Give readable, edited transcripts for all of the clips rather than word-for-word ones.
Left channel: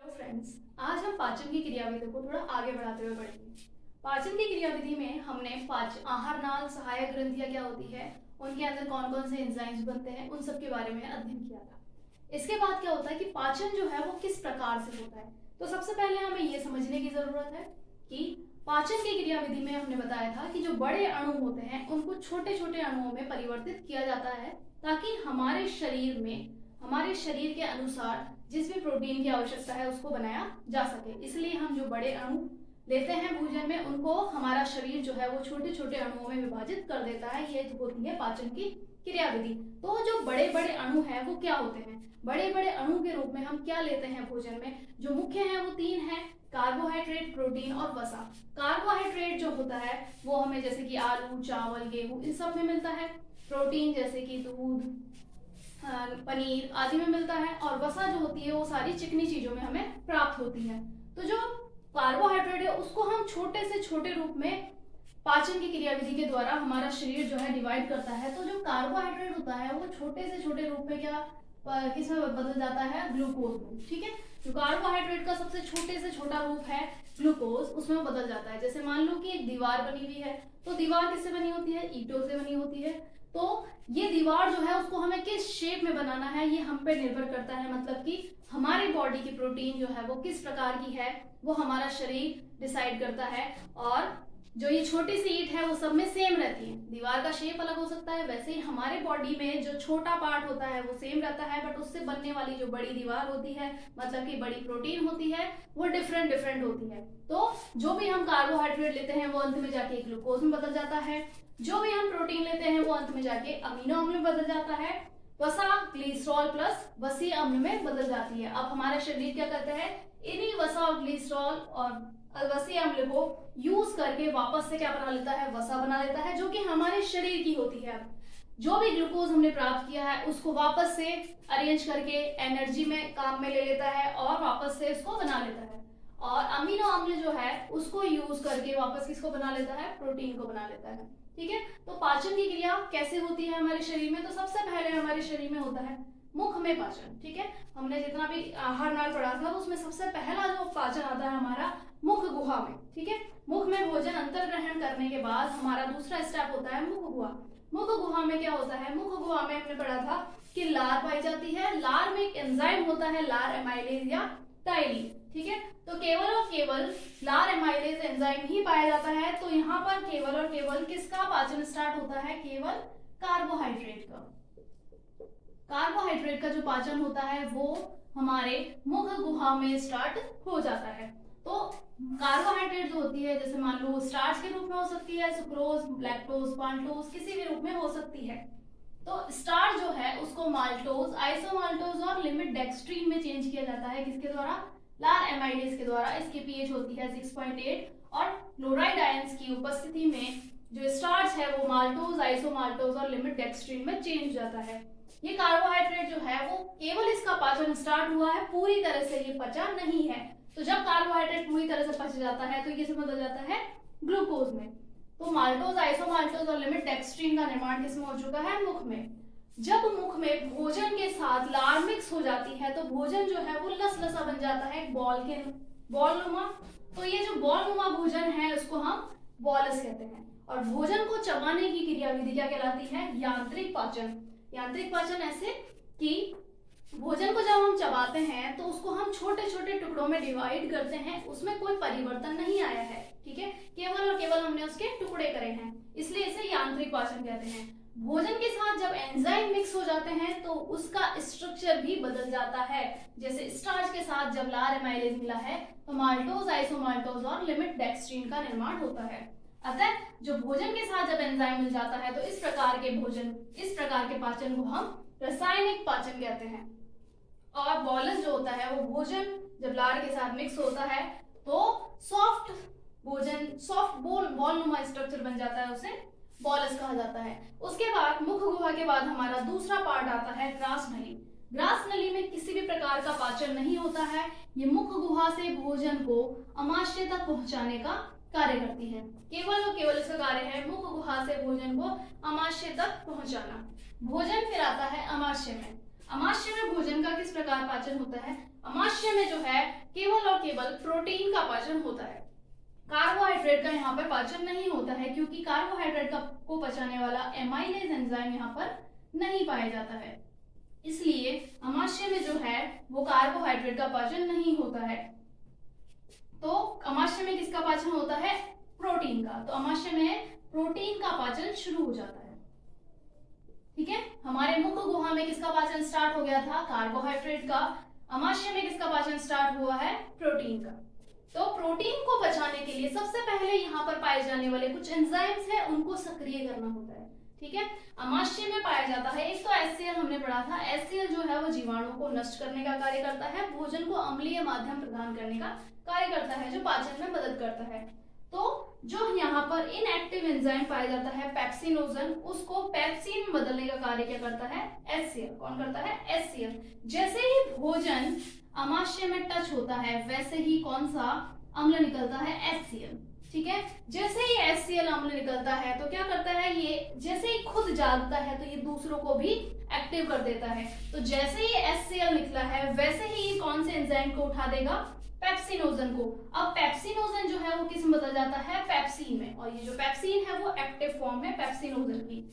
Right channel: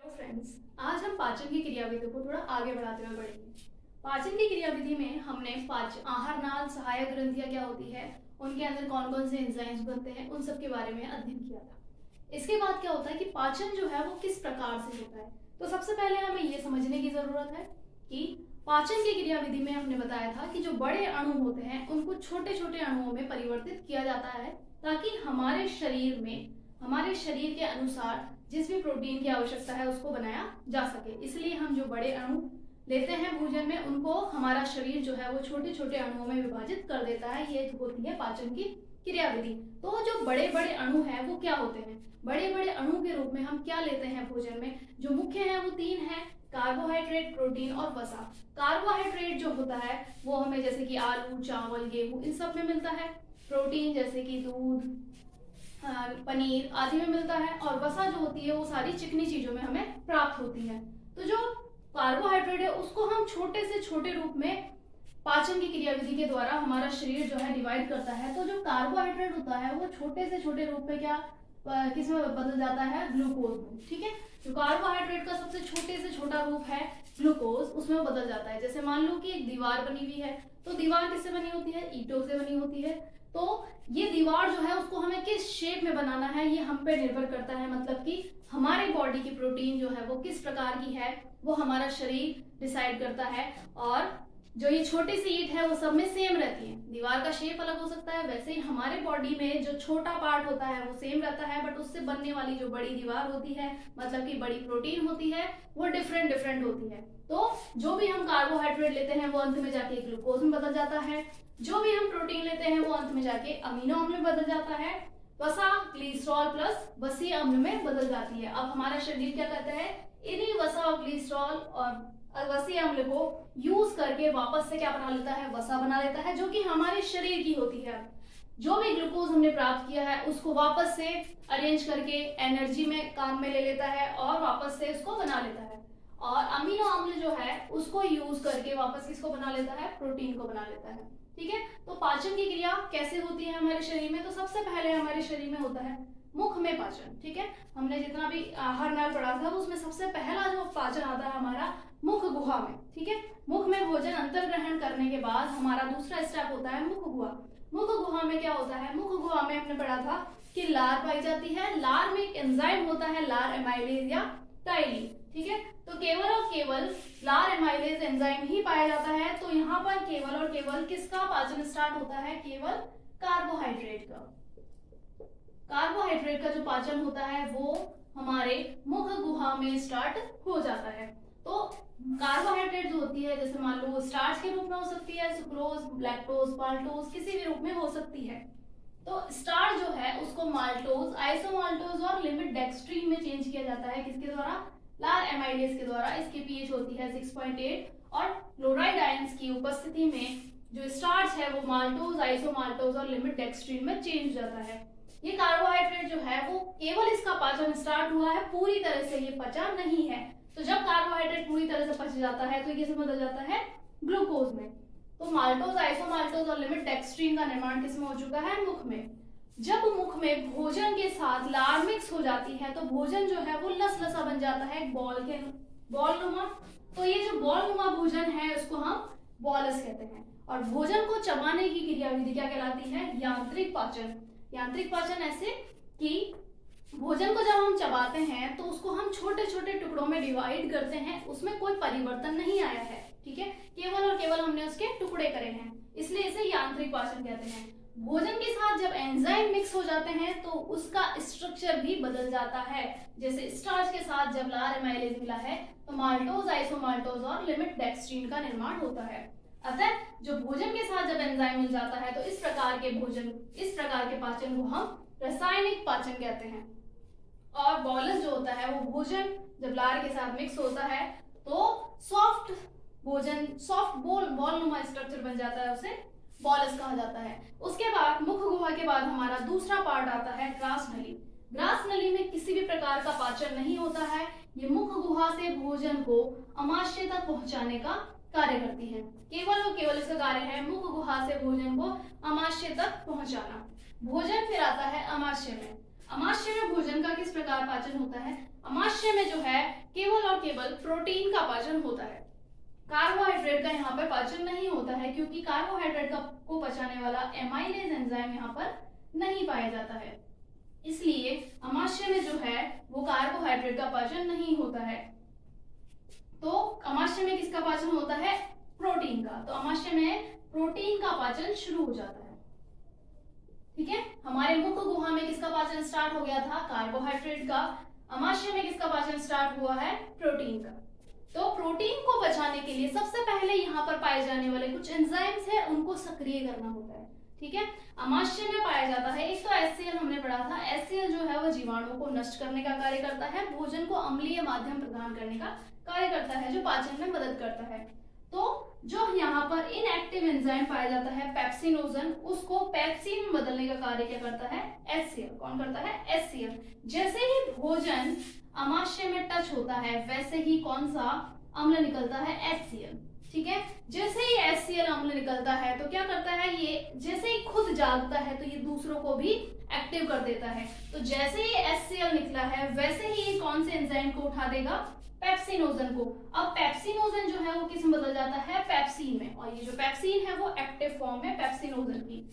Hello friends, आज हम पाचन की क्रियाविधि को थोड़ा आगे बढ़ाते हुए बढ़ेंगे। पाचन की क्रियाविधि में हमने पाचन आहार नाल सहायक ग्रंथियां क्या होती है, उनके अंदर कौन कौन से एंजाइम्स बनते हैं, उन सब के बारे में अध्ययन किया था। इसके बाद क्या होता है कि पाचन जो है वो किस प्रकार से होता है। तो सबसे पहले हमें ये समझने की जरूरत है कि पाचन की क्रियाविधि में हमने बताया था कि जो बड़े अणु होते हैं उनको छोटे छोटे अणुओं में परिवर्तित किया जाता है, ताकि हमारे शरीर के अनुसार जिस भी प्रोटीन की आवश्यकता है उसको बनाया जा सके। इसलिए हम जो बड़े अणु लेते हैं भोजन में, उनको हमारा शरीर जो है वो छोटे छोटे अणुओं में विभाजित कर देता है। ये होती है पाचन की क्रियाविधि। तो जो बड़े बड़े अणु हैं वो क्या होते हैं? बड़े बड़े अणु के रूप में हम क्या लेते हैं भोजन में? जो मुख्य है वो तीन है: कार्बोहाइड्रेट, प्रोटीन और वसा। कार्बोहाइड्रेट जो होता है वो हमें जैसे कि आलू, चावल, गेहूं इन सब में मिलता है। प्रोटीन जैसे कि दूध, पनीर आदि में मिलता है। और वसा जो होती है वो सारी चिकनी चीजों में हमें प्राप्त होती है। तो जो कार्बोहाइड्रेट है उसको हम छोटे से छोटे रूप में पाचन की क्रियाविधि के द्वारा हमारा शरीर जो है डिवाइड करता है। तो जो कार्बोहाइड्रेट होता है वो छोटे से छोटे रूप में क्या किसमें बदल जाता है? ग्लूकोज में। ठीक है, जो कार्बोहाइड्रेट का सबसे छोटे से छोटा रूप है ग्लूकोज, उसमें बदल जाता है। जैसे मान लो कि एक दीवार बनी हुई है, तो दीवार किससे बनी होती है? ईंटों से बनी होती है। तो ये दीवार जो है उसको हमें किस शेप में बनाना है ये हम पे निर्भर करता है। मतलब कि हमारे बॉडी की प्रोटीन जो है वो किस प्रकार की है वो हमारा शरीर डिसाइड करता है। और जो ये छोटी सी ईंट है वो सब में सेम रहती है। दीवार का शेप अलग हो सकता है, वैसे ही हमारे बॉडी में जो छोटा पार्ट होता है वो सेम रहता है, बट उससे बनने वाली जो बड़ी दीवार होती है, मतलब कि बड़ी प्रोटीन होती है, वो डिफरेंट डिफरेंट होती है। तो जो भी हम कार्बोहाइड्रेट लेते हैं वो अंत में जाके ग्लूकोज में बदल जाता है। जो भी हम प्रोटीन लेते हैं वो अंत में जाके अमीनो अम्ल में बदल जाता है। वसा ग्लिसरॉल प्लस वसीय अम्ल में बदल जाती है। अब हमारा शरीर क्या करता है? इन्हीं वसा और ग्लिसरॉल और वसीय अम्ल को यूज करके वापस से क्या बना लेता है? वसा बना लेता है, जो कि हमारे शरीर की होती है। जो भी ग्लूकोज हमने प्राप्त किया है उसको वापस से अरेंज करके एनर्जी में काम में ले लेता है और वापस से इसको बना लेता है। और अमीनो अम्ल जो है उसको यूज करके वापस किसको बना लेता है? प्रोटीन को बना लेता है। ठीक है, तो पाचन की क्रिया कैसे होती है हमारे शरीर में? तो सबसे पहले हमारे शरीर में होता है मुख में पाचन। ठीक है, हमने जितना भी आहार नाल पढ़ा था उसमें सबसे पहला जो पाचन आता है हमारा मुख गुहा में। ठीक है, मुख में भोजन अंतर ग्रहण करने के बाद हमारा दूसरा स्टेप होता है मुख गुहा। मुख गुहा में क्या होता है? मुख गुहा में हमने पढ़ा था कि लार पाई जाती है। लार में एक एंजाइम होता है, लार एमाइलेज या टाइलिन। ठीक है, तो केवल और केवल लार एमाइलेज एंजाइम ही पाया जाता है। तो यहाँ पर केवल और केवल किसका पाचन स्टार्ट होता है? केवल कार्बोहाइड्रेट का। कार्बोहाइड्रेट का जो पाचन होता है वो हमारे मुख गुहा में स्टार्ट हो जाता है। तो कार्बोहाइड्रेट जो होती है, जैसे मान लो स्टार्च के रूप में हो सकती है, सुक्रोज, लैक्टोज, माल्टोज, किसी भी रूप में हो सकती है। तो स्टार्च जो है उसको माल्टोज, आइसोमाल्टोज और लिमिट डेक्स्ट्रीन में चेंज किया जाता है। किसके द्वारा? लार एमाइलेज के द्वारा। इसकी पीएच होती है 6.8 और क्लोराइड आयंस की उपस्थिति में जो स्टार्च है वो माल्टोज, आइसोमाल्टोज और लिमिट डेक्स्ट्रीन में चेंज हो जाता है। ये कार्बोहाइड्रेट जो है वो केवल इसका पाचन स्टार्ट हुआ है, पूरी तरह से ये पचा नहीं है। तो जब कार्बोहाइड्रेट पूरी तरह से पच जाता है तो ये किसमें बदल जाता है? ग्लूकोज में। तो माल्टोज, आइसोमाल्टोज और लिमिट डेक्स्ट्रीन का निर्माण किसमें हो चुका है? मुख में। जब मुख में भोजन के साथ लार मिक्स हो जाती है तो भोजन जो है वो लसलसा बन जाता है, बॉल नुमा। तो ये जो बॉल नुमा भोजन है उसको हम बॉलस कहते हैं। और भोजन को चबाने की क्रियाविधि क्या कहलाती है? यांत्रिक पाचन। यांत्रिक पाचन ऐसे कि भोजन को जब हम चबाते हैं तो उसको हम छोटे छोटे टुकड़ों में डिवाइड करते हैं, उसमें कोई परिवर्तन नहीं आया है। ठीक है, केवल और केवल हमने उसके टुकड़े करे हैं, इसलिए इसे यांत्रिक पाचन कहते हैं। भोजन के साथ जब एंजाइम मिक्स हो जाते हैं तो उसका स्ट्रक्चर भी बदल जाता है। जैसे स्टार्च के साथ जब लार एमाइलेज मिला है तो माल्टोज, आइसोमाल्टोज और लिमिट डेक्स्ट्रीन का निर्माण होता है। अतः जो भोजन के साथ जब एंजाइम मिल जाता है तो इस प्रकार के पाचन को हम रासायनिक पाचन कहते हैं। और बॉलस जो होता है वो भोजन जब लार के साथ मिक्स होता है तो सॉफ्ट बॉल नुमा स्ट्रक्चर बन जाता है, उसे बॉलस कहा जाता है। उसके बाद मुख गुहा के बाद हमारा दूसरा पार्ट आता है ग्रास नली। ग्रास नली में किसी भी प्रकार का पाचन नहीं होता है। ये मुख गुहा से भोजन को अमाशय तक पहुंचाने का कार्य करती है। केवल और केवल इसका कार्य है मुख गुहा से भोजन को अमाशय तक पहुंचाना। भोजन फिर आता है अमाशय में। अमाशय में भोजन का किस प्रकार पाचन होता है? अमाशय में जो है केवल और केवल प्रोटीन का पाचन होता है। कार्बोहाइड्रेट का यहाँ पर पाचन नहीं होता है, क्योंकि कार्बोहाइड्रेट को पचाने वाला एमाइलेज एंजाइम यहाँ पर नहीं पाया जाता है। इसलिए अमाशय में जो है वो कार्बोहाइड्रेट का पाचन नहीं होता है। तो अमाशय में किसका पाचन होता है? प्रोटीन का। तो अमाशय में प्रोटीन का पाचन शुरू हो जाता है। ठीक है, हमारे मुख गुहा में किसका पाचन स्टार्ट हो गया था? कार्बोहाइड्रेट का। अमाशय में किसका पाचन स्टार्ट हुआ है? प्रोटीन का। तो प्रोटीन को पचाने के लिए सबसे पहले यहाँ पर पाए जाने वाले कुछ एंजाइम्स है, उनको सक्रिय करना होता है। ठीक है, अमाशय में पाया जाता है, एक तो HCl हमने पढ़ा था। HCl जो है वो जीवाणुओं को नष्ट करने का कार्य करता है, भोजन को अम्लीय माध्यम प्रदान करने का कार्य करता है, जो पाचन में मदद करता है। तो जो यहाँ पर इनएक्टिव एंजाइम पाया जाता है पेप्सिनोजन, उसको पेप्सिन में बदलने का कार्य क्या करता है? HCl। कौन करता है? HCl। जैसे ही भोजन अमाशय में टच होता है वैसे ही कौन सा अम्ल निकलता है? HCl। ठीक है, जैसे ही HCl अम्ल निकलता है तो क्या करता है ये? जैसे ही खुद जागता है तो ये दूसरों को भी एक्टिव कर देता है। तो जैसे ही HCl निकला है वैसे ही ये कौन से एंजाइम को उठा देगा? पेप्सिनोजन को। अब पेप्सिनोजन जो है वो किस में बदल जाता है? पेप्सिन में। और ये जो पेप्सिन है वो एक्टिव फॉर्म है पेप्सिनोजन की।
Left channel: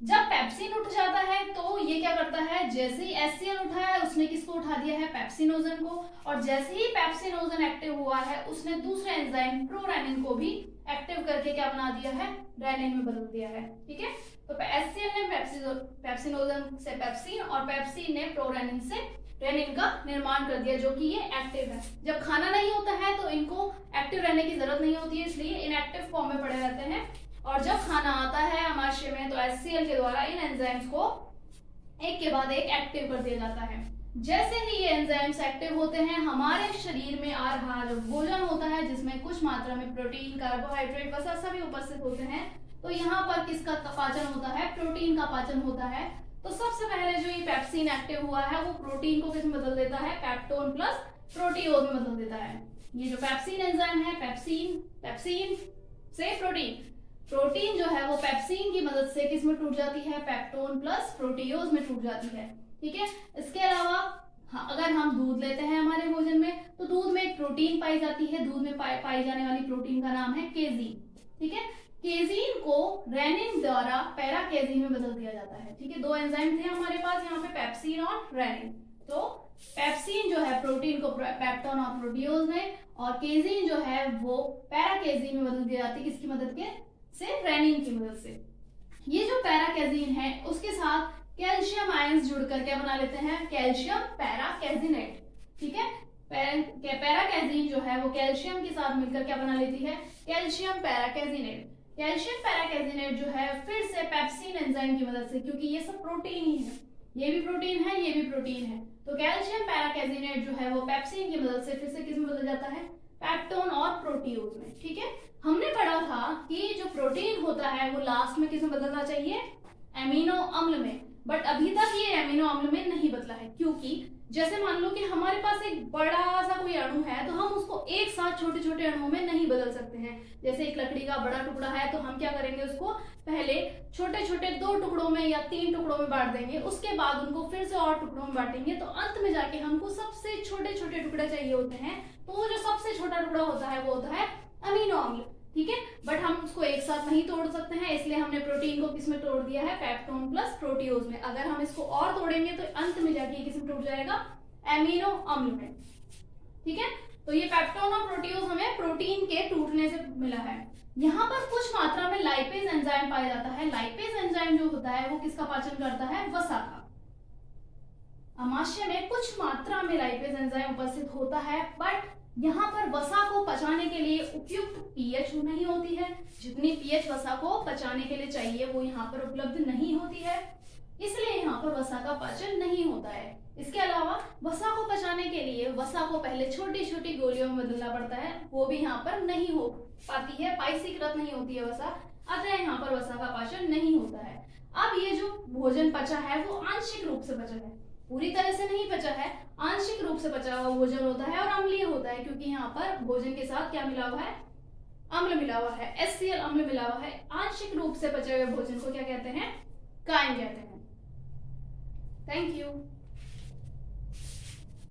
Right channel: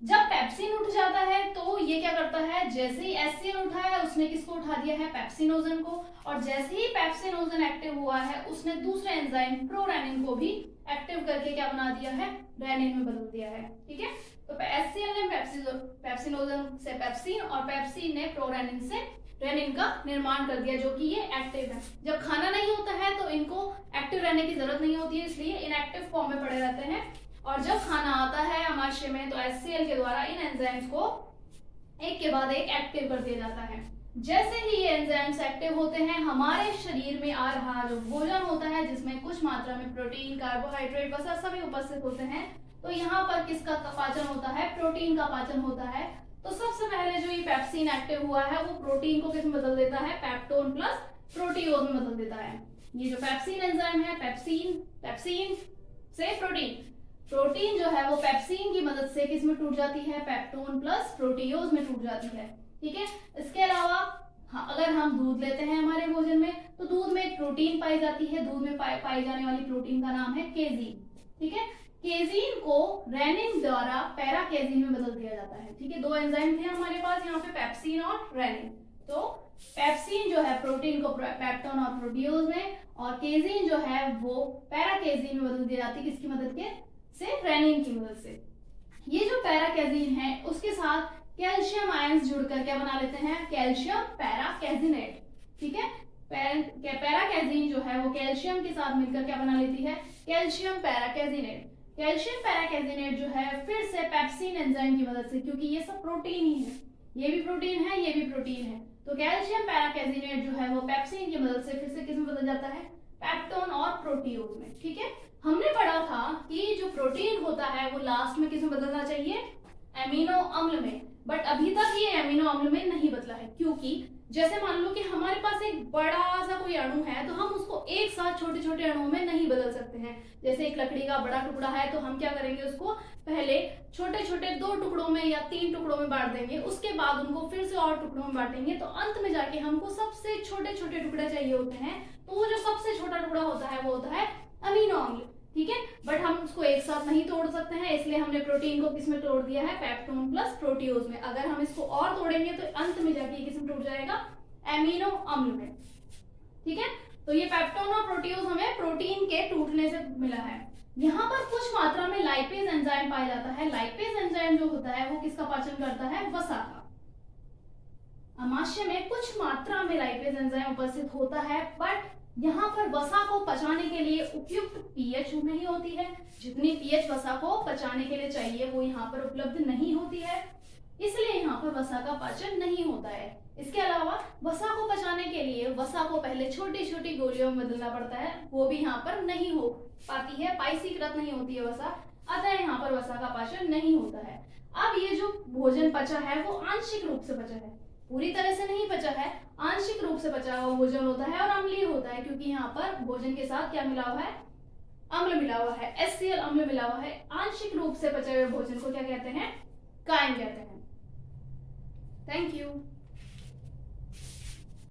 जब पेप्सिन उठ जाता है तो ये क्या करता है? जैसे ही HCl उठा है उसने किसको उठा दिया है? पेप्सिनोजन को। और जैसे ही पेप्सिनोजन एक्टिव हुआ है उसने दूसरे एंजाइम प्रोरेनिन को भी एक्टिव करके क्या बना दिया है? रेनिन में बदल दिया है। ठीक है, तो HCl ने पेप्सिनोजन से पेप्सिन और पेप्सिन ने प्रोरेनिन से रेनिन का निर्माण कर दिया, जो कि ये एक्टिव है। जब खाना नहीं होता है तो इनको एक्टिव रहने की जरूरत नहीं होती है, इसलिए इनएक्टिव फॉर्म में पड़े रहते हैं। और जब खाना आता है अमाशय में तो HCl के द्वारा इन एंजाइम्स को एक के बाद एक एक्टिव कर दिया जाता है। जैसे ही ये एंजाइम्स एक्टिव होते हैं, हमारे शरीर में आ रहा जो भोजन होता है जिसमें कुछ मात्रा में प्रोटीन, कार्बोहाइड्रेट, वसा सभी उपस्थित होते हैं, तो यहाँ पर किसका पाचन होता है? प्रोटीन का पाचन होता है। तो सबसे पहले जो ये पेप्सिन एक्टिव हुआ है वो प्रोटीन को किस में बदल देता है? पेप्टोन प्लस प्रोटीओज में बदल देता है। ये जो पेप्सिन एंजाइम है, पेप्सिन से प्रोटीन जो है वो पेप्सिन की मदद से किस में टूट जाती है? पेप्टोन प्लस प्रोटीओज में टूट जाती है। ठीक है, इसके अलावा अगर हम दूध लेते हैं हमारे भोजन में तो दूध में एक प्रोटीन पाई जाती है। दूध में पाई जाने वाली प्रोटीन का नाम है केजीन। ठीक है, केजीन को रेनिन द्वारा पैराकेजीन में बदल दिया जाता है। ठीक है, दो एंजाइम थे हमारे पास यहाँ पे, पेप्सिन और रेनिन। तो पेप्सिन जो है प्रोटीन को पेप्टोन और प्रोटीओज में, और केजीन जो है वो पैराकेजीन में बदल दी जाती है। किसकी मदद के? से रेनिन की मदद से। ये जो पैराकेजीन है उसके साथ कैल्शियम आयंस जुड़कर क्या बना लेते हैं? कैल्शियम पैराकेजिनेट। ठीक है, पैराकेजीन जो है वो कैल्शियम के साथ मिलकर क्या बना लेती है? कैल्शियम पैराकेजिनेट। कैल्शियम पैराकेजिनेट जो है फिर से पेप्सिन एंजाइम की मदद से, क्योंकि ये सब प्रोटीन ही है, ये भी प्रोटीन है, ये भी प्रोटीन है, तो कैल्शियम पैराकेजिनेट जो है वो पेप्सिन की मदद से फिर से किस में बदल जाता है? पेप्टोन और प्रोटीओज में। ठीक है, हमने पढ़ा था कि जो प्रोटीन होता है वो लास्ट में किस में बदलना चाहिए? एमिनो अम्ल में। बट अभी तक ये एमिनो अम्ल में नहीं बदला है, क्योंकि जैसे मान लो कि हमारे पास एक बड़ा सा कोई अणु है तो हम उसको एक साथ छोटे छोटे अणुओं में नहीं बदल सकते हैं। जैसे एक लकड़ी का बड़ा टुकड़ा है तो हम क्या करेंगे? उसको पहले छोटे छोटे 2 टुकड़ों में या 3 टुकड़ों में बांट देंगे, उसके बाद उनको फिर से और टुकड़ों में बांटेंगे, तो अंत में जाके हमको सबसे छोटे छोटे टुकड़े चाहिए होते हैं। तो वो जो सबसे छोटा टुकड़ा होता है वो होता है अमीनो अम्ल। ठीक है, बट हम उसको एक साथ नहीं तोड़ सकते हैं, इसलिए हमने प्रोटीन को किसमें तोड़ दिया है? पेप्टोन प्लस प्रोटीओज में। अगर हम इसको और तोड़ेंगे तो अंत में जाके किसमें टूट जाएगा? एमिनो अम्ल में। ठीक है, तो ये पेप्टोन और प्रोटीओज हमें प्रोटीन के टूटने से मिला है। यहाँ पर कुछ मात्रा में लाइपेज एंजाइम पाया जाता है। लाइपेज एंजाइम जो होता है वो किसका पाचन करता है? वसा का। अमाशय में कुछ मात्रा में लाइपेज एंजाइम उपस्थित होता है, बट यहाँ पर वसा को पचाने के लिए उपयुक्त पीएच नहीं होती है। जितनी पीएच वसा को पचाने के लिए चाहिए वो यहाँ पर उपलब्ध नहीं होती है, इसलिए यहाँ पर वसा का पाचन नहीं होता है। इसके अलावा वसा को पचाने के लिए वसा को पहले छोटी छोटी गोलियों में बदलना पड़ता है, वो भी यहाँ पर नहीं हो पाती है, पाइसीकृत नहीं होती है वसा, अतः यहाँ पर वसा का पाचन नहीं होता है। अब ये जो भोजन पचा है वो आंशिक रूप से पचा है, पूरी तरह से नहीं पचा है, आंशिक रूप से पचा हुआ भोजन होता है और अम्लीय होता है, क्योंकि यहाँ पर भोजन के साथ क्या मिला हुआ है? अम्ल मिला हुआ है, HCl अम्ल मिला हुआ है। आंशिक रूप से पचे हुए भोजन को क्या कहते हैं? कायम कहते हैं। Thank you.